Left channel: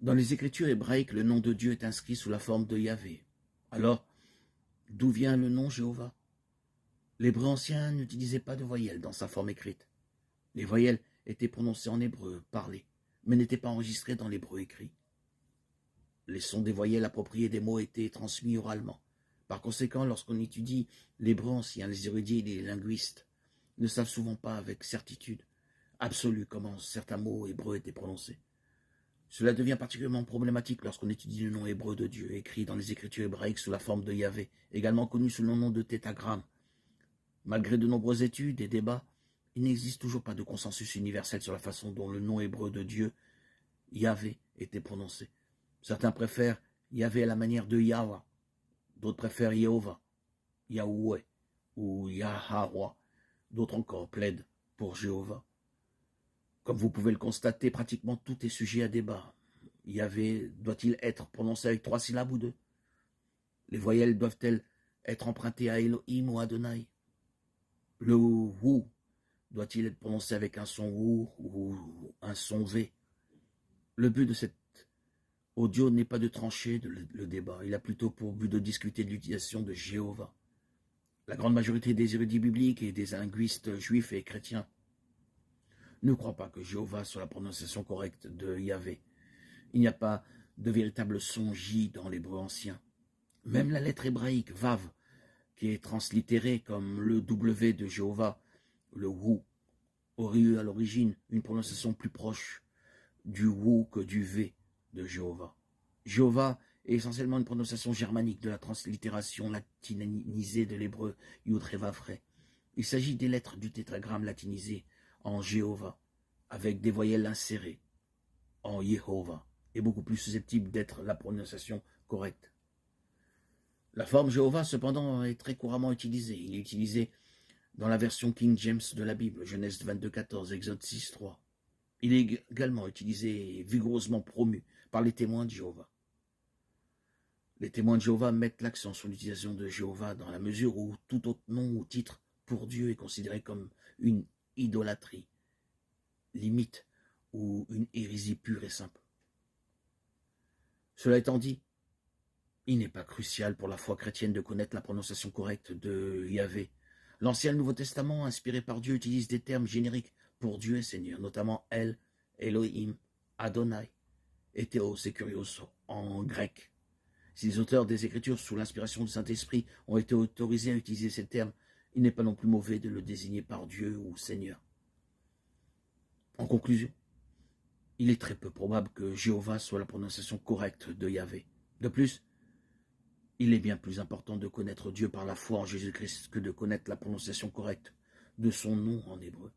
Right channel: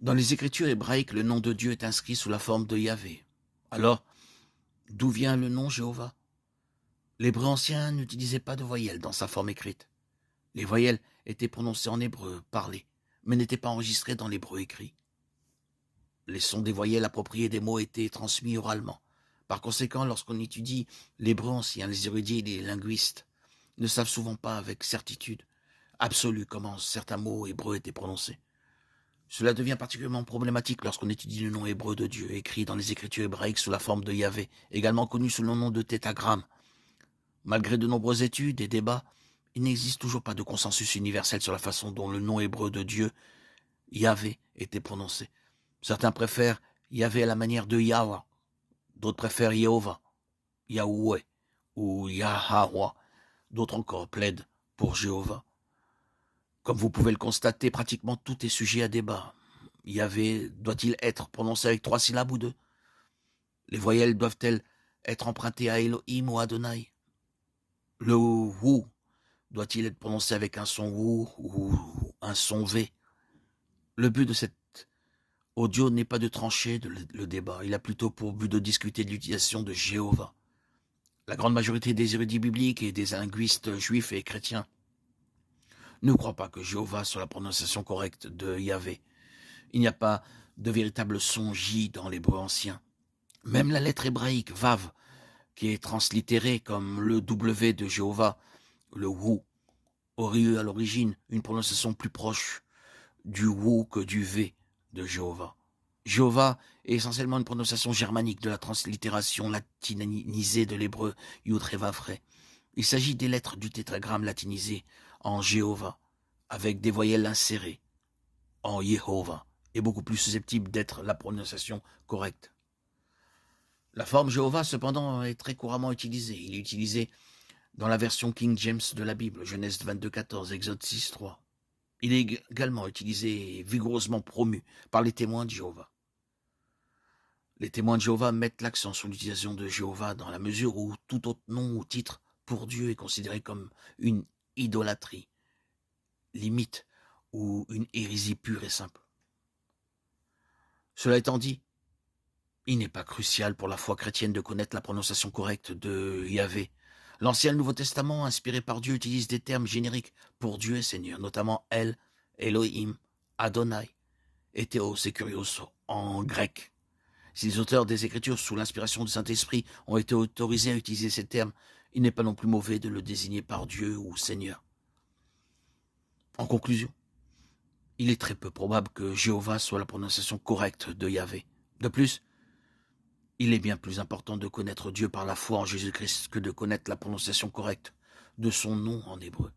Dans les Écritures hébraïques, le nom de Dieu est inscrit sous la forme de Yahvé. Alors, d'où vient le nom Jéhovah? L'hébreu ancien n'utilisait pas de voyelles dans sa forme écrite. Les voyelles étaient prononcées en hébreu parlé, mais n'étaient pas enregistrées dans l'hébreu écrit. Les sons des voyelles appropriés des mots étaient transmis oralement. Par conséquent, lorsqu'on étudie l'hébreu ancien, les érudits et les linguistes ne savent souvent pas avec certitude absolue comment certains mots hébreux étaient prononcés. Cela devient particulièrement problématique lorsqu'on étudie le nom hébreu de Dieu, écrit dans les Écritures hébraïques sous la forme de Yahvé, également connu sous le nom de tétragramme. Malgré de nombreuses études et débats, il n'existe toujours pas de consensus universel sur la façon dont le nom hébreu de Dieu, Yahvé, était prononcé. Certains préfèrent Yahvé à la manière de Yahweh, d'autres préfèrent Yehovah, Yahweh ou Yahweh, d'autres encore plaident pour Jéhovah. Comme vous pouvez le constater, pratiquement tout est sujet à débat. Yahvé doit-il être prononcé avec 3 syllabes ou 2? Les voyelles doivent-elles être empruntées à Elohim ou Adonai? Le wou doit-il être prononcé avec un son wou ou un son v? Le but de cet audio n'est pas de trancher le débat, il a plutôt pour but de discuter de l'utilisation de Jéhovah. La grande majorité des érudits bibliques et des linguistes juifs et chrétiens ne croient pas que Jéhovah soit la prononciation correcte de Yahvé. Il n'y a pas de véritable son J dans l'hébreu ancien. Même la lettre hébraïque Vav, qui est translittérée comme le W de Jéhovah, le Wou, aurait eu à l'origine une prononciation plus proche du Wou que du V de Jéhovah. Jéhovah est essentiellement une prononciation germanique de la translittération latinisée de l'hébreu Yud He Vav He. Il s'agit des lettres du tétragramme latinisé en Jéhovah, avec des voyelles insérées en Yehovah, est beaucoup plus susceptible d'être la prononciation correcte. La forme Jéhovah, cependant, est très couramment utilisée. Il est utilisé dans la version King James de la Bible, Genèse 22,14, Exode 6,3. Il est également utilisé et vigoureusement promu par les témoins de Jéhovah. Les témoins de Jéhovah mettent l'accent sur l'utilisation de Jéhovah dans la mesure où tout autre nom ou titre pour Dieu est considéré comme une idolâtrie, limite, ou une hérésie pure et simple. Cela étant dit, il n'est pas crucial pour la foi chrétienne de connaître la prononciation correcte de Yahvé. L'Ancien et le Nouveau Testament, inspirés par Dieu, utilisent des termes génériques pour Dieu et Seigneur, notamment El, Elohim, Adonai et Théos et Kurios en grec. Si les auteurs des Écritures, sous l'inspiration du Saint-Esprit, ont été autorisés à utiliser ces termes, il n'est pas non plus mauvais de le désigner par Dieu ou Seigneur. En conclusion, il est très peu probable que Jéhovah soit la prononciation correcte de Yahvé. De plus, il est bien plus important de connaître Dieu par la foi en Jésus-Christ que de connaître la prononciation correcte de son nom en hébreu.